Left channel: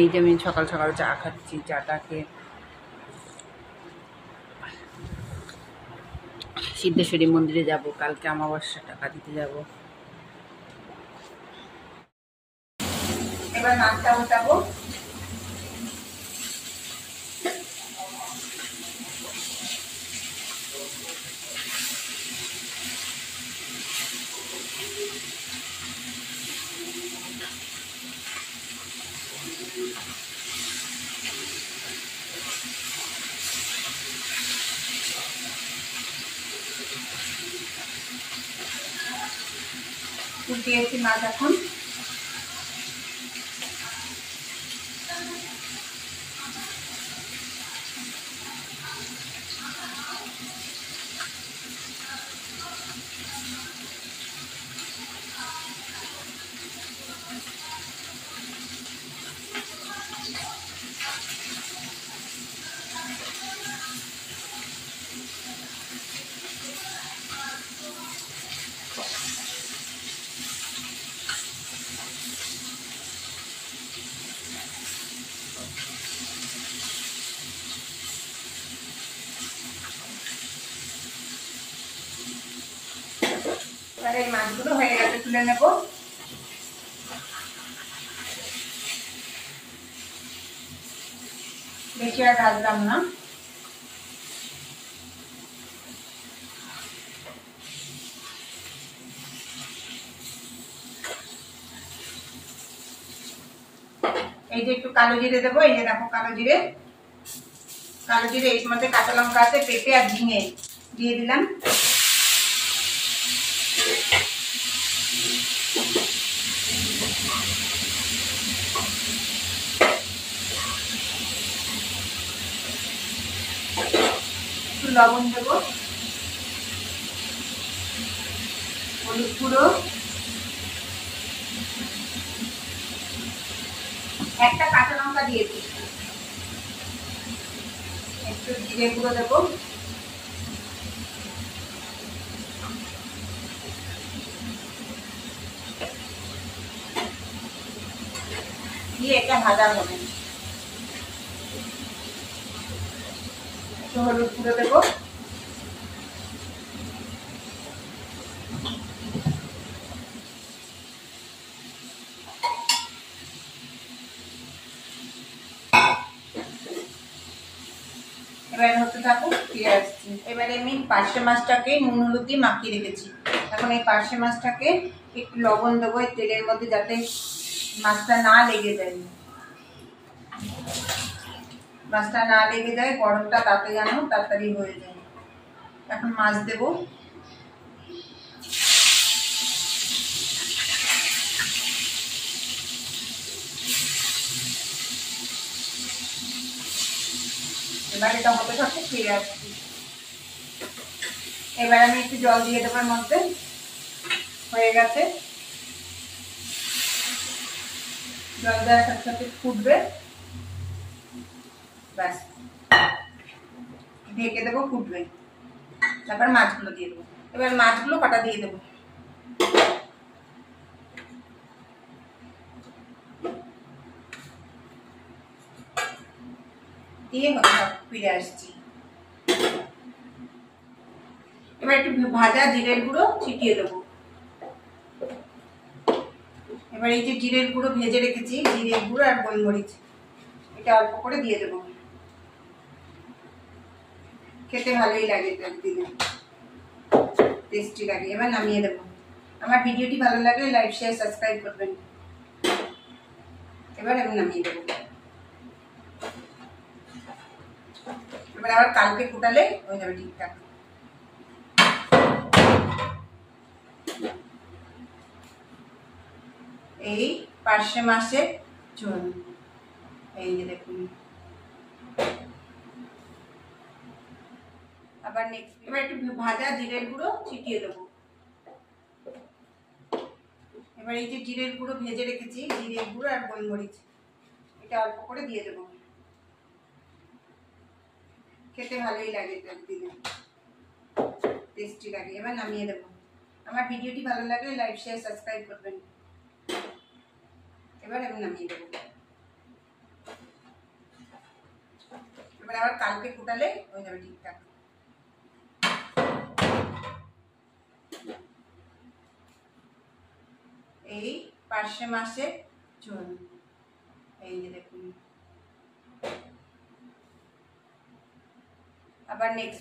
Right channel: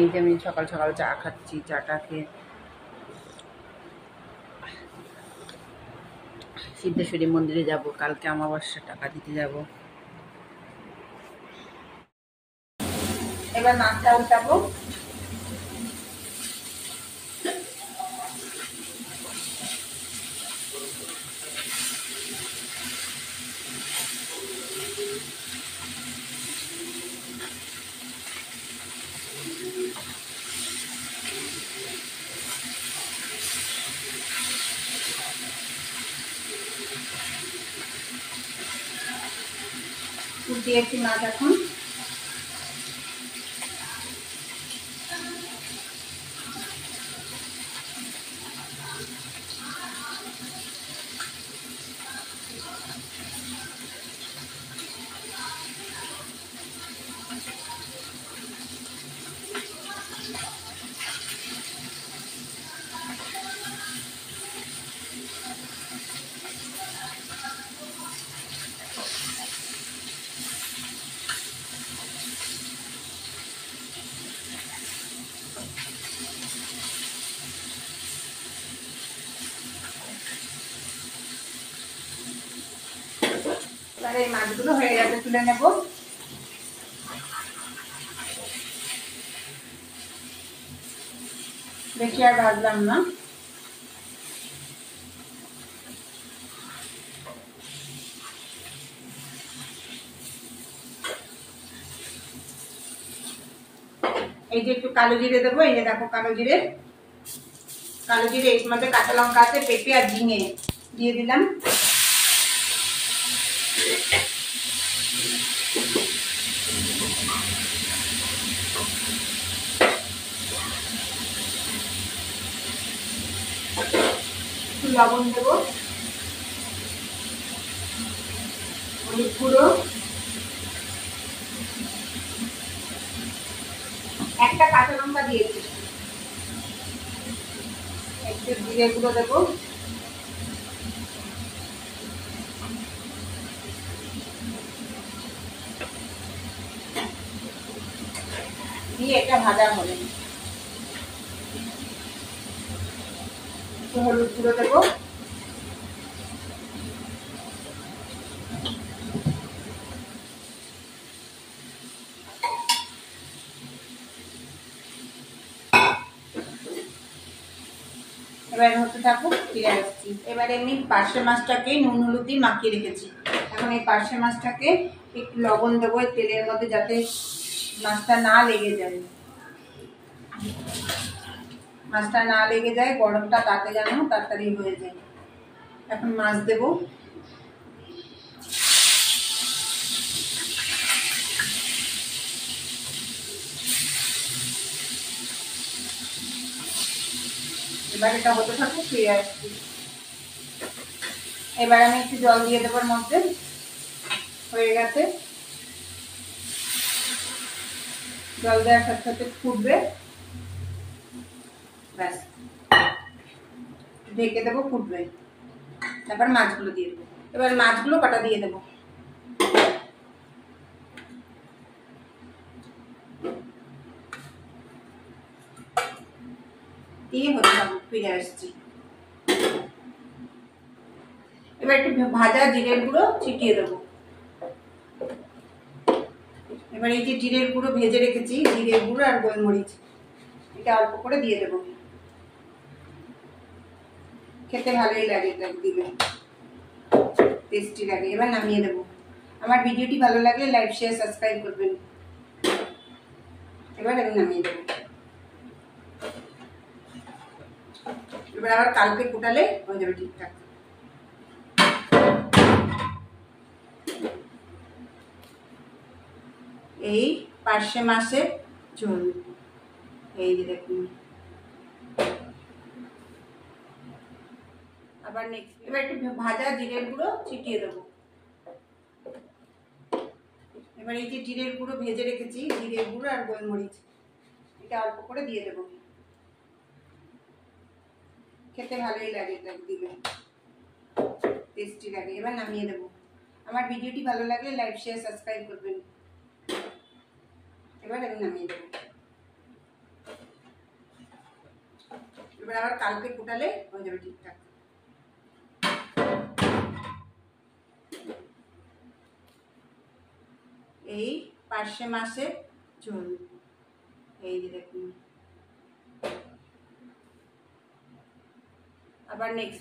এই যে আমি সকাল সকাল চা খাচ্ছি, চাটা খেয়ে সিদ্ধেশ্বরী মন্দিরে যাব, কালকে অমাবস্যা, টাকা দিতে যাব। এবার মাছটা উঠাবো। উঠিয়েছি মাছ এখন। এই মাছগুলো হয়ে গেছে, তুলে নেব। বেশি আর ভাজলাম না। এই যে একটু কালো জিরে দেবো। এই যে দেখো কালো জিরে, কালো জিরে, এর মধ্যে কাঁচা লঙ্কা আছে, পেঁপে আর ঝিঙে দিয়ে দিলাম। একটু লবণ দেবো, হলুদ গুঁড়ো, একটা কাঁচা লঙ্কা দিয়েছি, একটু জিরে গুঁড়ো দেবো, দিয়ে এটা ভাজা হবে। একটু হলুদ গুঁড়ো দেবো, এবারে হতে থাকুক, ফিরে আসছি। এবারে আমি পার্শে মাছটাকে নুন হলুদ দিয়ে মাখিয়ে রেখেছি। এখন এই পার্শে মাছটাকে একটু লবণ দেবো এই তেলের মধ্যে, যাতে মাছটা না লেগে যায়। মাছটা না লেগে যায়, গরমটা তাতে যেন তাড়াতাড়ি হয়ে যায়। এখন মাছ দেবো। এবার এটা হতে থাকুক, ফিরে আসছি। এবার আমি একটু জল দিয়ে দেবো এর মধ্যে। হয়ে গেছে, জল দেওয়ার সাথে সাথে ফুটবে, ব্যাস ঢেকে দেবো, ফুটবে। তারপর মাছগুলো দিয়ে দেবো। এবার মাছগুলো কাটা দিয়ে দেবো। দিয়ে হতে থাকুক, ফিরে আসছি। এবার একটু ভাজা জিরের গুঁড়ো ছিটিয়ে দেবো। এবার এই যে জিরের গুঁড়ো ভেজে রেখেছি, জিরের গুঁড়ো আর গোলমরিচ, এটা অল্প করে দিয়ে দেবো। খেতে ভালোই লাগে, দিলে টেস্টি লাগে। এবার নামিয়ে দেবো। আমার ভিডিওটি ভালো লাগলে লাইক শেয়ার সাবস্ক্রাইব করবেন। এবার আমি নামিয়ে দেবো। এবার আবার কালকে ফুটালে হয়ে যাবে ঠিকঠাক। এই পার্শে মাছের ঝোল, এই যে দেখুন। আবার নেক্সট, এবার একটু ভাজা জিরের গুঁড়ো ছিটিয়ে দেবো। এবার এই যে জিরের গুঁড়ো ভেজে রেখেছি, জিরের গুঁড়ো আর গোলমরিচ, এটা অল্প করে দিয়ে দেবো। খেতে ভালোই লাগে, এটা দিলে টেস্টি লাগে। এবার নামিয়ে দেবো। আমার ভিডিওটি ভালো লাগলে লাইক শেয়ার সাবস্ক্রাইব করবেন। এবার আমি নামিয়ে দেবো। তাহলে আবার কালকে ফোটালে হয়ে যাবে ঠিকঠাক। এই পার্শে মাসে ঝোল, এই যে দেখুন। আবার নেক্সট